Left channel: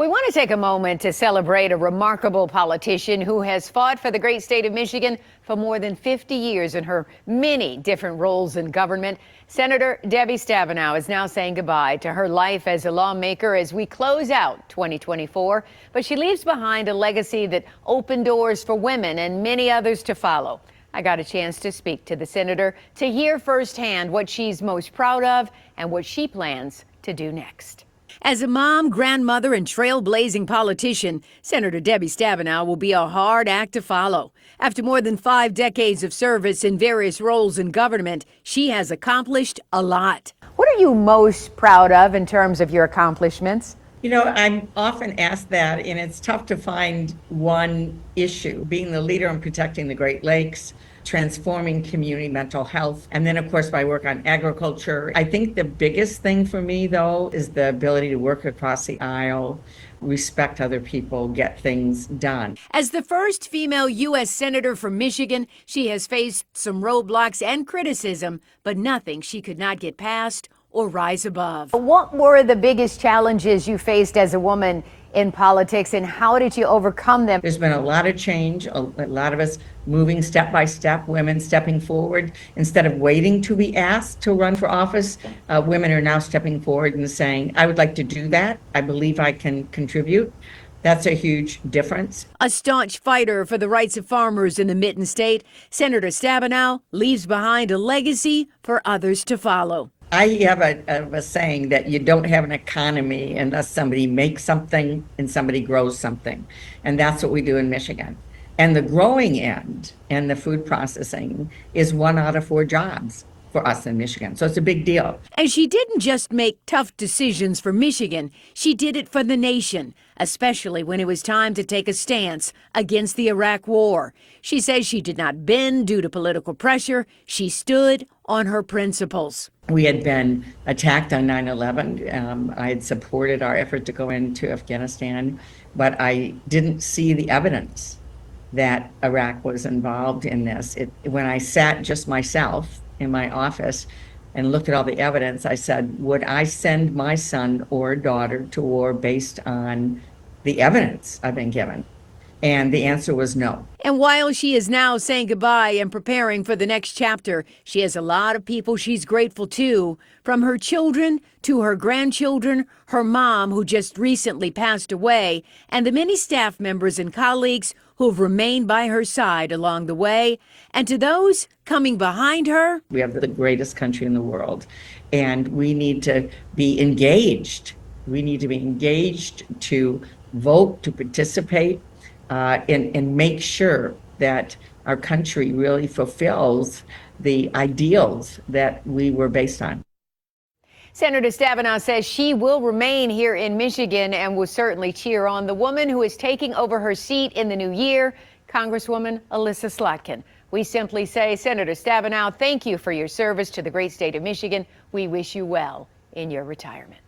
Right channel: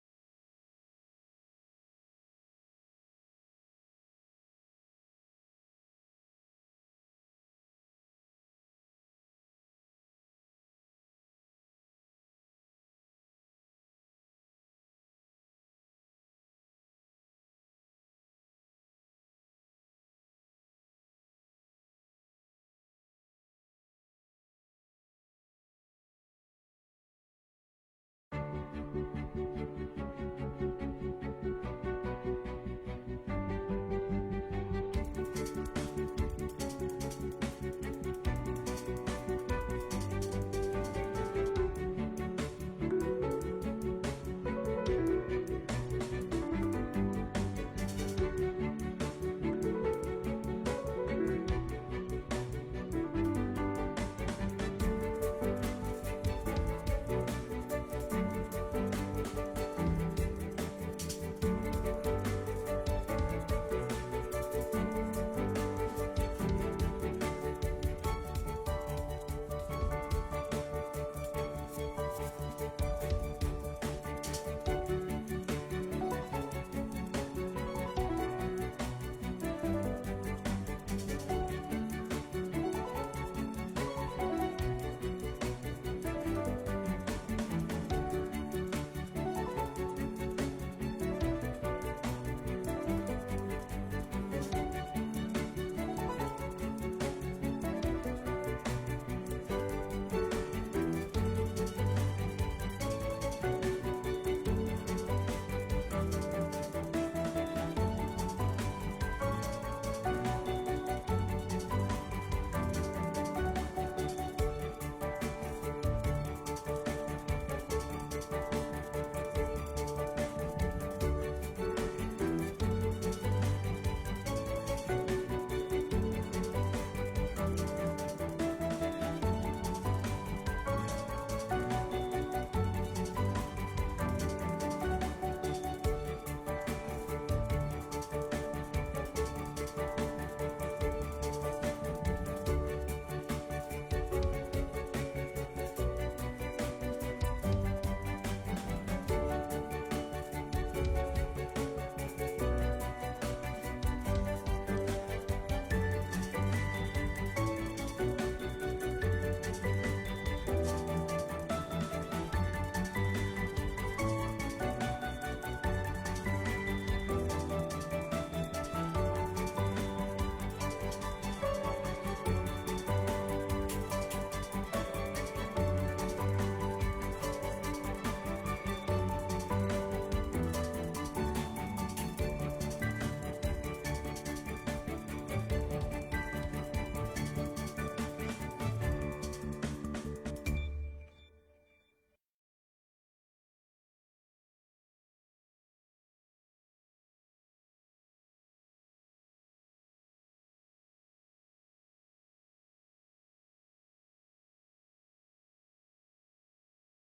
We want to take a moment to celebrate a remarkable politician who has fought for the great state of Michigan for more than 50 years in her many different roles in government. Senator Debbie Stabenow is now saying goodbye to her life as a lawmaker as we close out 2024. But she leaves behind a legacy that opened doors for women and many others to follow. I got a chance to speak to the senator to hear firsthand what she's most proud of and what she plans to do next. As a mom, grandmother, and trailblazing politician, Senator Debbie Stabenow will be a hard act to follow. After more than 5 decades of service in various roles in government, she has accomplished a lot. What are you most proud of in terms of your accomplishments? You know, I'm often asked that, and it's tough to find one issue. Being the leader in protecting the Great Lakes, transforming community mental health, and then of course my work on agriculture. I think the biggest thing for me though is the ability to work across the aisle, respect other people, get things done. As the first female U.S. Senator from Michigan, she has faced some roadblocks and criticism, but nothing she could not get past or rise above. What were the biggest challenges you faced as a woman in politics, and how did you overcome them? There's been a lot of change, a lot of us moving step by step, women stepping forward. Instead of waiting to be asked to run for office, women are now stepping forward and saying, I would like to do that. I believe I can contribute. That's a huge difference. A staunch fighter for the rights of farmers in the Mitten State, Senator Stabenow leaves behind a legacy for others to follow. I have a saying that you don't have an economy unless somebody makes something and somebody grows something. And that's what we do in Michigan. And the growing end and the food processing is 1 out of 4 jobs for us in Michigan. So it's a big deal. And she didn't just make tough decisions for Michigan, she did it for the nation, especially when it was time to take a stance against the Iraq War. She says she did not bend due to political pressure. She stood on her principles. We had been attacked on 9/11. I had supported our effort to go into Afghanistan, but I didn't see the evidence that Iraq was involved in this. When I sat just myself in my office and looked at all the evidence, I said, would I send my son or daughter to war based on the evidence I've been given? And the answer was no. And while she is now saying goodbye and preparing for the next chapter, she has a lot of people she's grateful to, from her children to her grandchildren, her mom, who just recently passed away, and the many staff members and colleagues who have remained by her side along the way. And to those coming behind her, we have the greatest country in the world, and we need to be engaged. We need to be engaged to vote, to participate, and make sure that our country really fulfills the ideals that we were based on. Senator Stabenow says she will remain here in Michigan and will certainly cheer on the woman who is taking over her seat in the new year, Congresswoman Alyssa Slatkin. We simply say, Senator Stabenow, thank you for your service to the great state of Michigan. We wish you well in your retirement.